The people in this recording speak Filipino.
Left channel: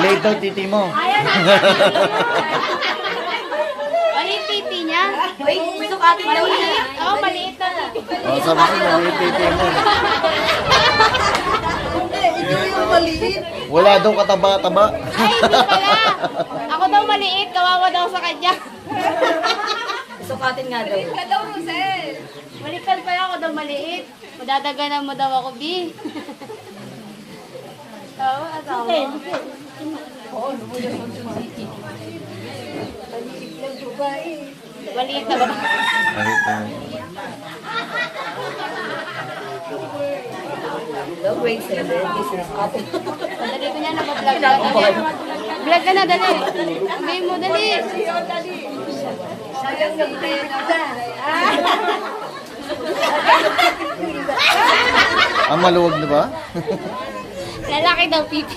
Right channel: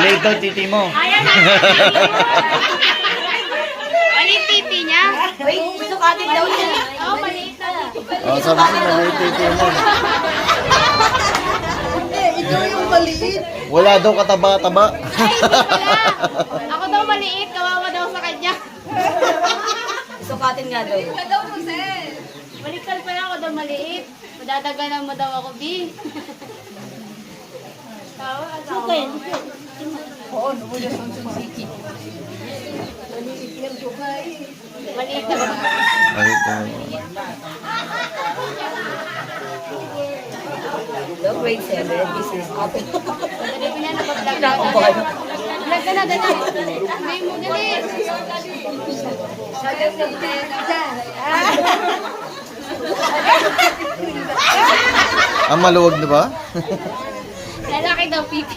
Late daw titi mo. Maliit titi niya. Wait, sukatin daw niya. Oo, maliit na titi. Oh, sabi ko maliit titi mo. Ikaw yung maliit. Wala daw kataba-taba. Ay, hindi pala. Ako daw maliit, kawawa daw sa kanya. Sukatin nga daw. Balikan pa lang ako daw maliit. Madadaganan mo daw ako, B. Okay. Maliit na ba? Maliit na. Hello, grade 7. This is up. Dali ko niya, nag-vlog na. Vlog ka na, dali. Sabihin mo, dali. Ang maluwag na ba? Lalaki daw, pipi.